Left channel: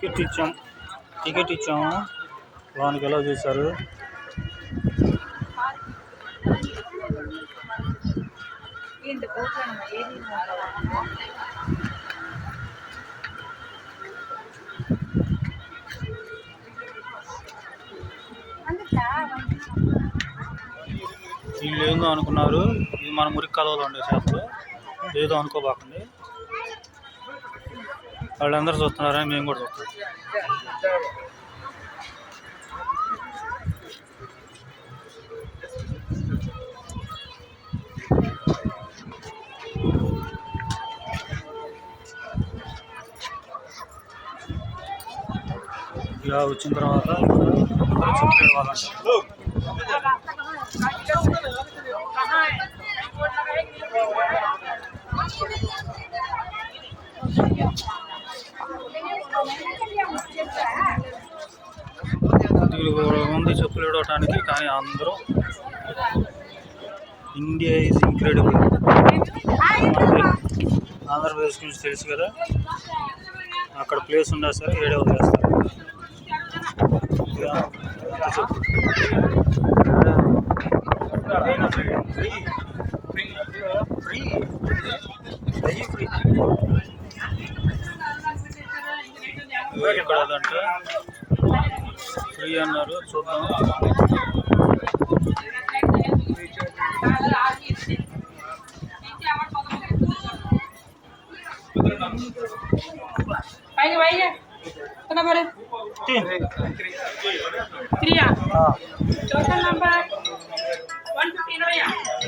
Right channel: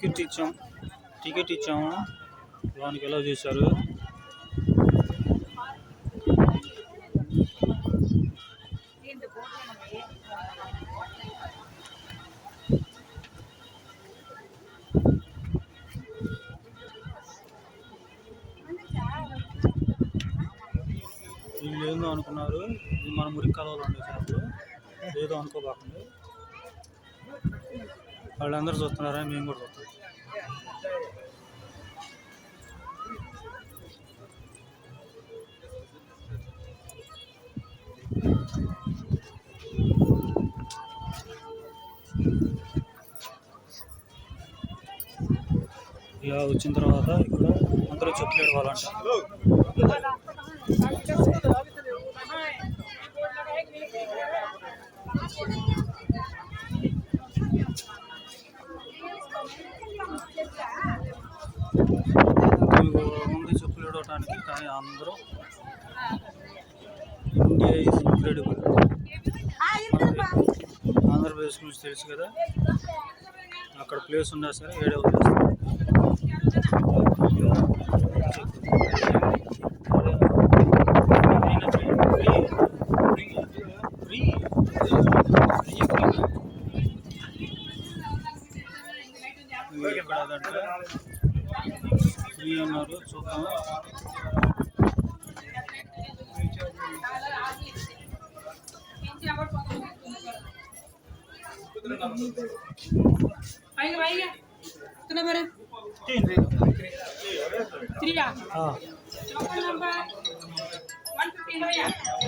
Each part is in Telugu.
టికెట్ ఇచ్చాము లోనికి ఎలా చూశారు. వీళ్ళు ఏందో అనుకున్నారు, ఇది మన మురికి కాలువలో ఉండే చేపలు, ఏదో అనుకోబాకండి. వాళ్ళందరూ చూస్తున్నారని మేము కూడా చూస్తాం. ఇలా వచ్చిన తర్వాత ఇక్కడ చెప్పలేని వాళ్ళంట. తెలుగు ఉంది చెప్పులు ఇవ్వడానికి, కానీ అందరూ ఇండియా ఈజ్ ఇంక్రెడిబుల్. ఆంధ్రప్రదేశ్ గురించి తెలుసు కదా, అక్కడ ప్లేస్ ఉందా సరే ఏడే వదిలేస్తారు. ఇక్కడ అదంటే ఫ్రీ అన్నారు, చూద్దాం.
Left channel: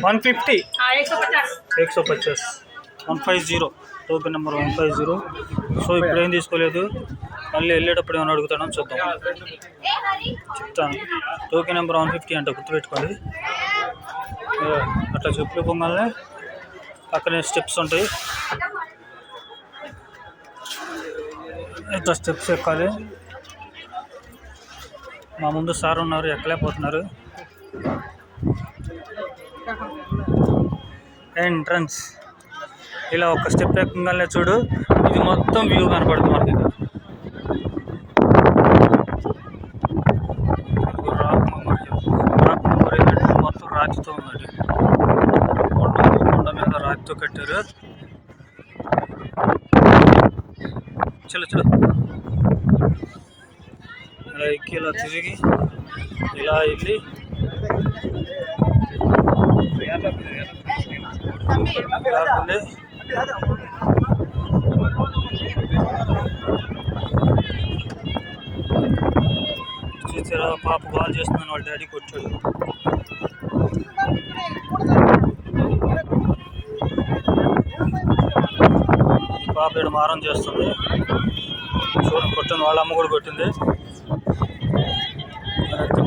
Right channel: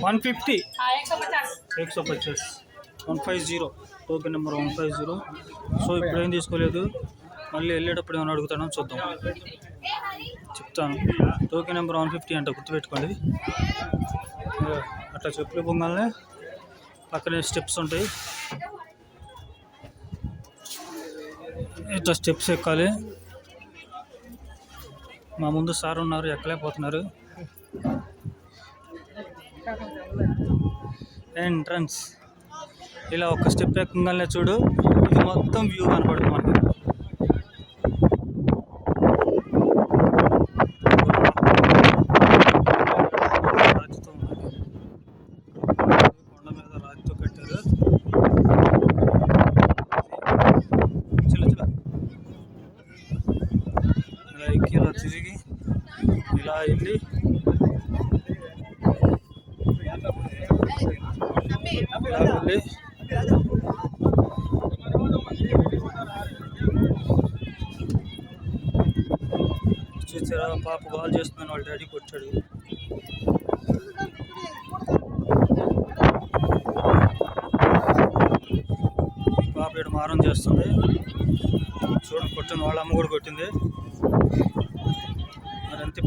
$150 150 టోకెన్ నెంబర్ 150. సో ఇప్పుడు ఏం తీసుకోలేదు, మళ్ళీ వెళ్ళేటప్పుడు ఏమైనా అడుగుతాడని చూద్దాం, చెప్తాను. టోకెన్ నెంబర్ 150 అంట, గుర్తుపెట్టుకోండి. అట్లా చెప్పులు పొంగాలనే పక్కనే స్టెప్స్ ఉంటాయి, ఇట్లా స్టెప్స్ ఎక్కాలి. మా ముందు సార్ ఉన్నారు, ఎక్కలేకపోతున్నారు. ఎంట్రన్స్ ఇలా ఒక స్టెప్ ఎక్కగానే చూడు, ఇది మొత్తం వ్యూ కనపడుతుంది మనకి. మొత్తం రాతితో ఉన్నది, కొండ మీద రాతితో కట్టారు. చలో ఇలా ఎక్కి ఇలా తిరిగి ఇలా వెళ్ళి చూసారా, పాప కాల్ చేస్తున్నాను, వాళ్ళ డాడీకి వచ్చాడు. పాప ఇక్కడ మారం చేస్తుంది, చూడండి, కొట్టింది. వాళ్ళ అమ్మ కూడా కొట్టింది.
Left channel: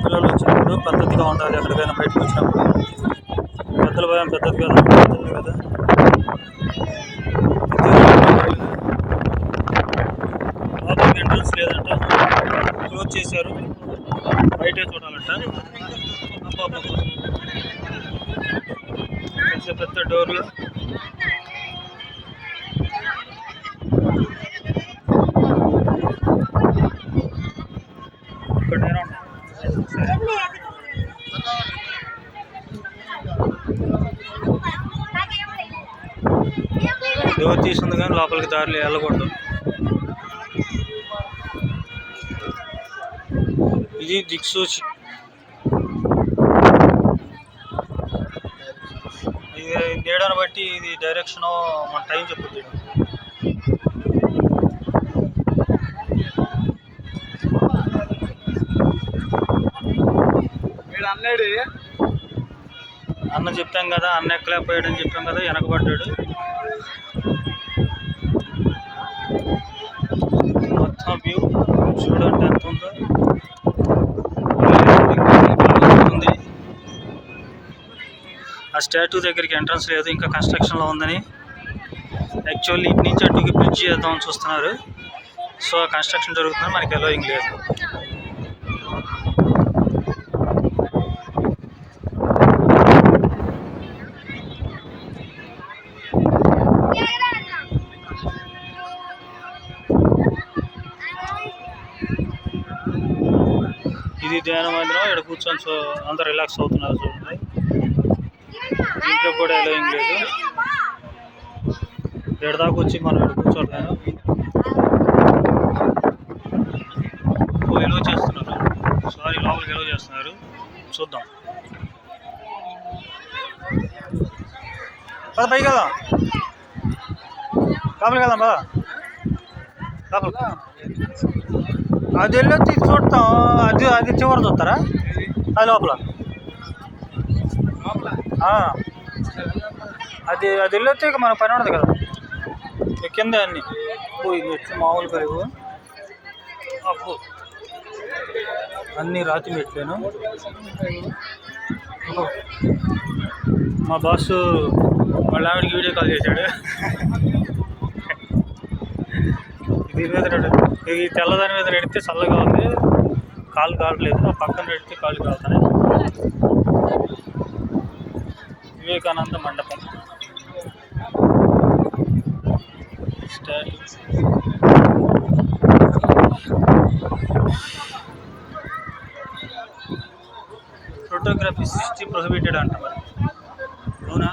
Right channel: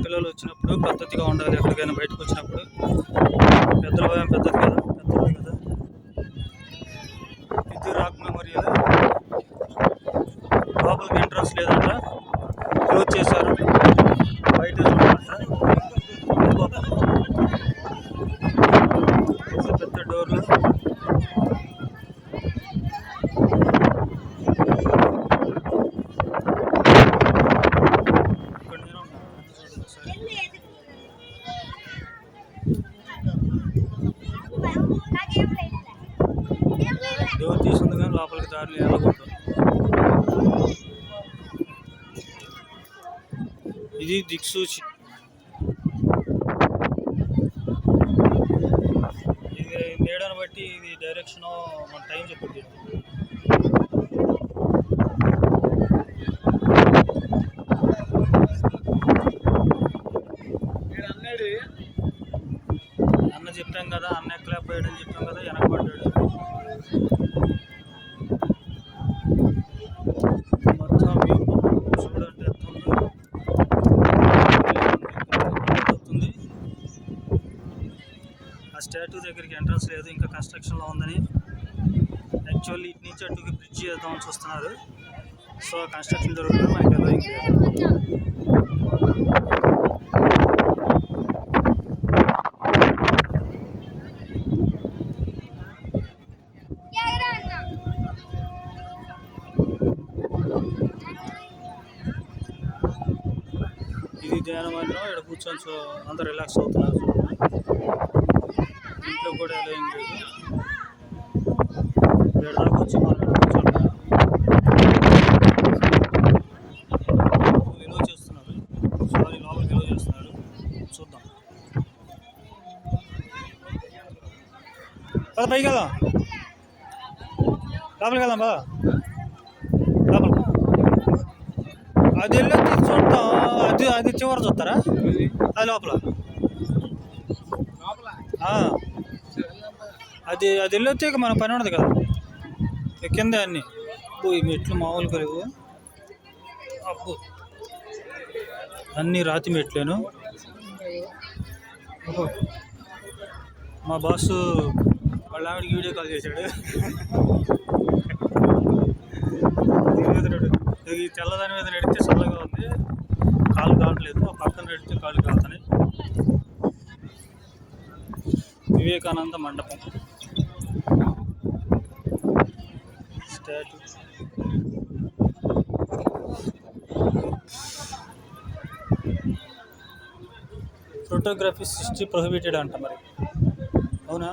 పిల్లలు వచ్చినప్పుడు పద్ధతిగా ఉండాలి, ఎక్కడికైనా బయటకు వచ్చినప్పుడు. పెద్దల భయం పెద్దదిగా ఉంటుంది కదా. పాపకి ఎంట్రన్స్ లేదంట, క్లోజ్ చేశారు, బయటే చూడమంట. పెద్ద డోర్లు, డోర్ తీసుకుంది కానీ లోపలికి దారిలో వెళ్ళకూడదు. ఇది దిక్సూచి, ఇది నీడను బట్టి ఇది డైరెక్షన్ మన టైం చెప్పుద్ది. అన్న చెప్పాం కదా, అన్న ఎక్కలేకపోయాడని చెప్పాం కదా, వెనకబడ్డాడు. మొత్తం వ్యూ చూడండి ఎంత ఉందో. ఆ స్టాట్యూ దగ్గరికి ఎంట్రన్స్ లేదు, ఇంకా కన్స్ట్రక్షన్లో ఉందని. యాక్చువల్లీ ఇటు నుంచి అటుకి బ్రిడ్జ్ చేద్దామని చూస్తున్నారు. సో కన్స్ట్రక్షన్ జరుగుతుంది, మనకి అలోయింగ్ లేదు. ఇది ధ్యాన మందిరం. ఇక్కడ కూర్చొని అంతా రిలాక్స్ అవుతున్నారు చూడండి. ఇంట్లో కూడా ఎలోయింగ్ లేదు. ఇక్కడ దాకా వచ్చి మనం ఇక్కడ కూర్చోట్లేదు. ఎలో చేస్తున్నారు. సారీ, లోపలికి ఎలో చేస్తున్నారు. చూద్దాం. పైకి వెళ్దాం. లోపలికి వెళ్దాం బా. లోపలికి అది వెళ్ళి చూడటం. అది చివరి చూస్తారా? అది లోపల అది వెళ్ళొచ్చే మన పని ఉండదు కదా. కింద అన్నీ పోయి మెట్లు మామూలు కలుగు అప్పు అన్నీ రాతి మెట్లేను. మా బాసు వాళ్ళ ఆవిడకి వీడియో కాల్ చేశాడు. ఇది తెల్లదాని మీద పెడితే చల్లగా ఉంది, కాలు కావట్లేదు. ఆ పక్కన పెడితే కాలు కాలుతాయి. వివేకానంద మండపం ఫోటోగ్రఫీ 60 ప్రొహిబిటెడ్ అంట మరి. అవునా?